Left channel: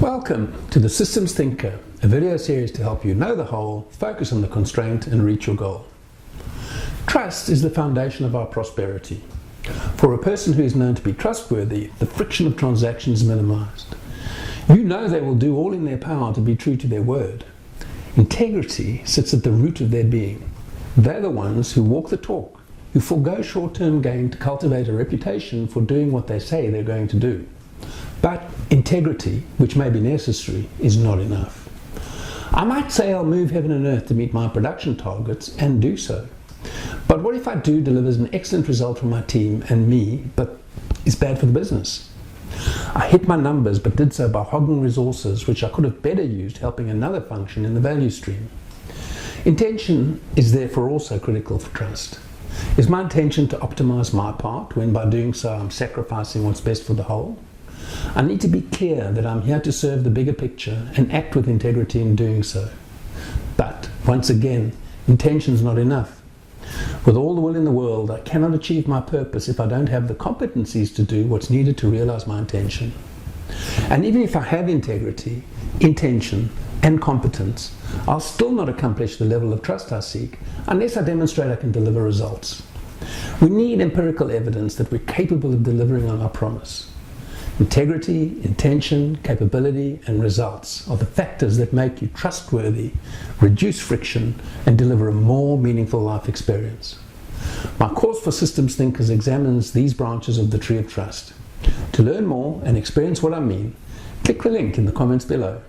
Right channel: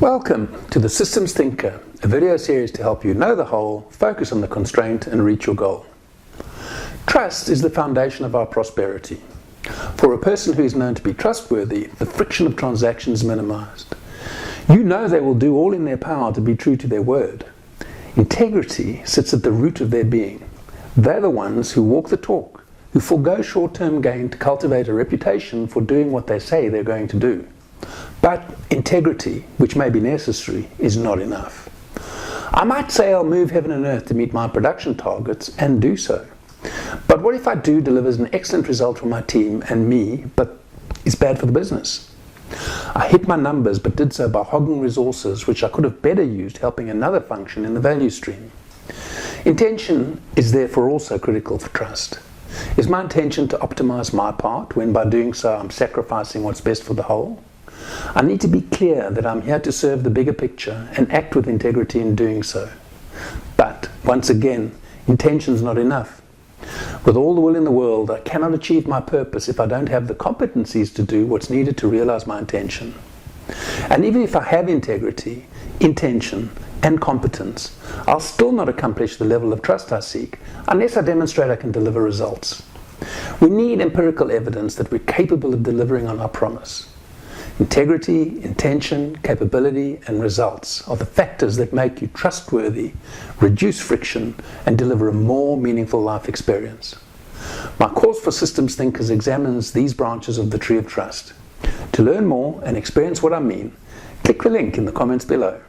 Welcome to the Systems Thinker, a video series to help you know the whole, focus on the constraint and reach your goal. Trust is the foundation of our prosperity. For a person who is known to be trustworthy, the friction of transactions is minimized. You know they will do all in their power to be true to their word. Integrity sits at the root of their being. They're the ones who walk the talk, who forego short-term gain to cultivate a reputation for doing what they say they're going to do. But integrity, which may be necessary, is not enough. I might say I'll move heaven and earth to meet my production targets and do so. But what if I do delivers an excellent result for my team and me, but it's bad for the business? I hit my numbers but did so by hogging resources which I could have better used helping another function in the value stream. Intention is therefore also critical for trust. Is my intention to optimize my part when by doing so I'm sacrificing what's best for the whole? I need to be clear that I'm here to serve the bigger picture and act with integrity in doing so. But, once again, intention's not enough. With all the will in the world, I cannot achieve my purpose if I don't have the competencies to do what's needed to realize my intention. And even if I have integrity, intention, and competence, I'll still not accomplish the level of trust I seek unless I demonstrate I can deliver results. We need empirical evidence that we're capable of delivering on our promise. Integrity, intention, capability, and results are the factors that make you trustworthy, reduce friction, and deliver a more meaningful life experience. My course for systems thinkers examines these branches of the tree of trust. To learn more and experience what I mean, click the link in the comments below.